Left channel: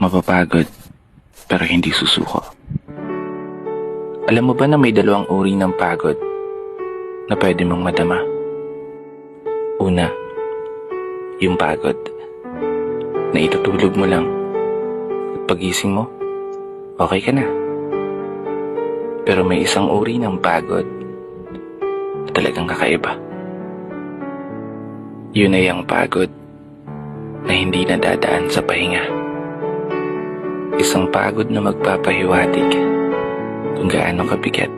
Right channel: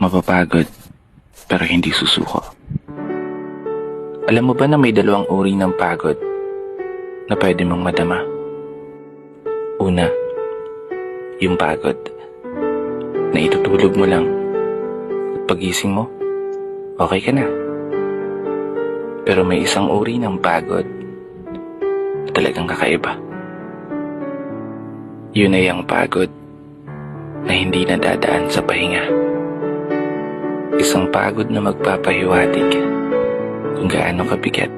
Mapapagod, pero hindi susuko. Alam mo ba na may dalawang uri ng pagod na pwede mong madama? Una, yung pagod na itutulog mo lang at pagising mo, okay ka na. Pero may isang uri ng pagod na talagang kakaiba. Yun ay ang pagod na hindi nadadaan sa pahinga. Isang pagod na magpapahiwatig kung gaano kabigat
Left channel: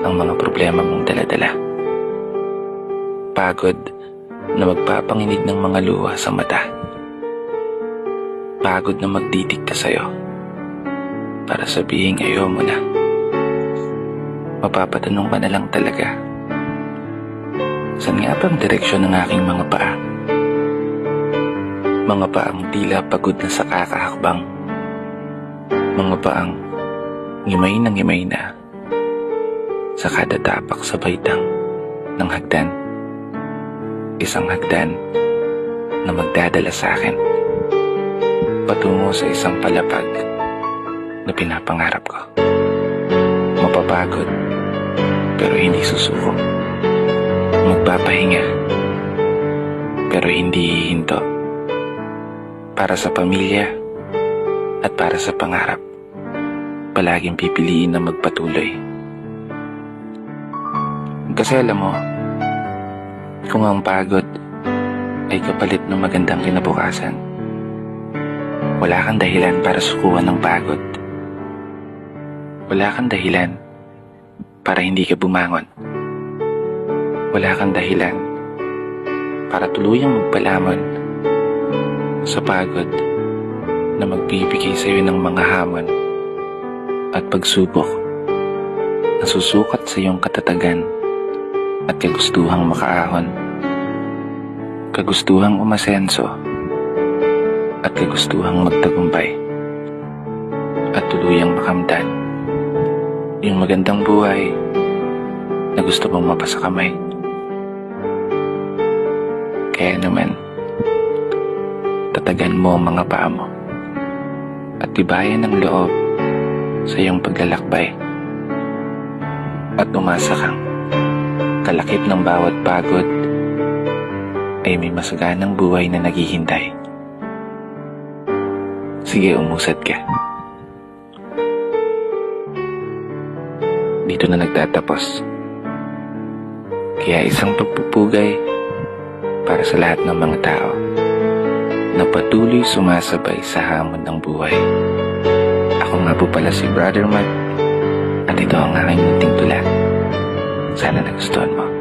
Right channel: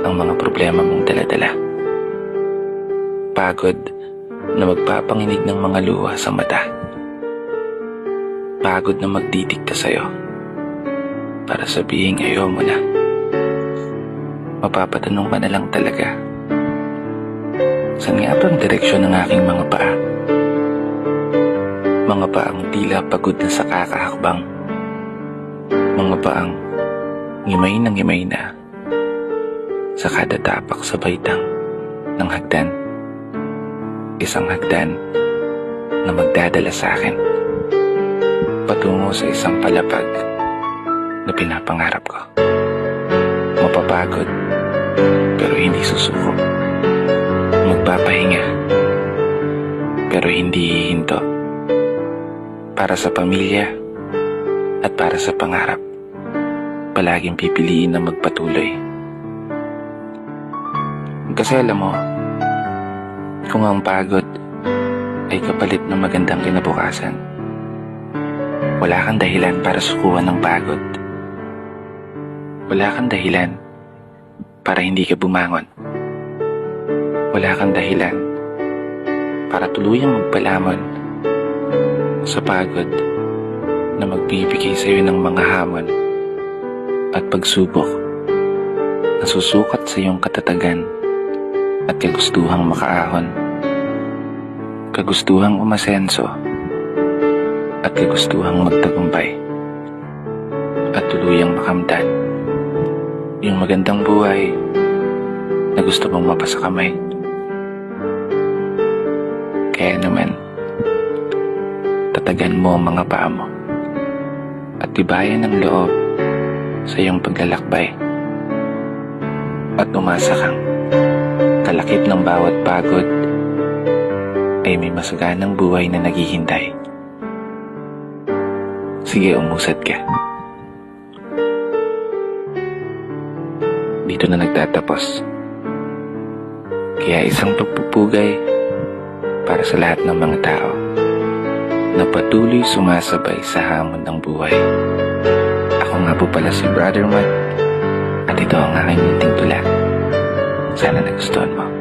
ang mga problema mong daladala. Pagod na magpapanginig ng mga luha sa mata. Pagod na magdidikta sa'yo para sabihing ayaw mo na. Mapapatanong ka na lang talaga, saan nga ba ang direksyon ng aking mga paa? Mga paang tila pagod na sa kakahakbang. Mga paang ngimay na sa kada tapak sa baitang ng hagdan. Isang hagdan na magdadala sa akin patungo sa isang palapag na pinapangarap ko. Mapapagod pero hindi susuko. Magpapahinga pero hindi hihinto. Para sa pamilya at para sa pangarap, palaging pipiliin na magpatuloy. Kasi alam mo, kung ang pagod ay kapalit ng magandang kinabukasan, wala kang dahilan para sukuan ng pagod. Wala kang dahilan para hindi ka bumangon. Wala kang dahilan para tuluyang magpalamon sa pagod na magbibigay sa iyo ng mga hamon at pagsubok na susukat sa iyong katatagan at kagustuhang makaahon, kagustuhang umasenso at kagustuhang magtagumpay at tuluyang makamtan yung magandang buhay na gusto mong mapasakamay. Kaya naman, tatagan mo ang mga paa mo at tibayan ng loob sa iyong paglalakbay at umasa kang kalakip ng bawat pagod ay may masaganang buhay na naghihintay. Sige, umusad ka. Dito na nagtatapos. Kaya isang pagpupugay para sa lahat ng mga tao na patuloy sumasabay sa hamon ng buhay. Ako nga po pala si Brother Matt at ito ang aking munting tula. Sana nagustuhan mo.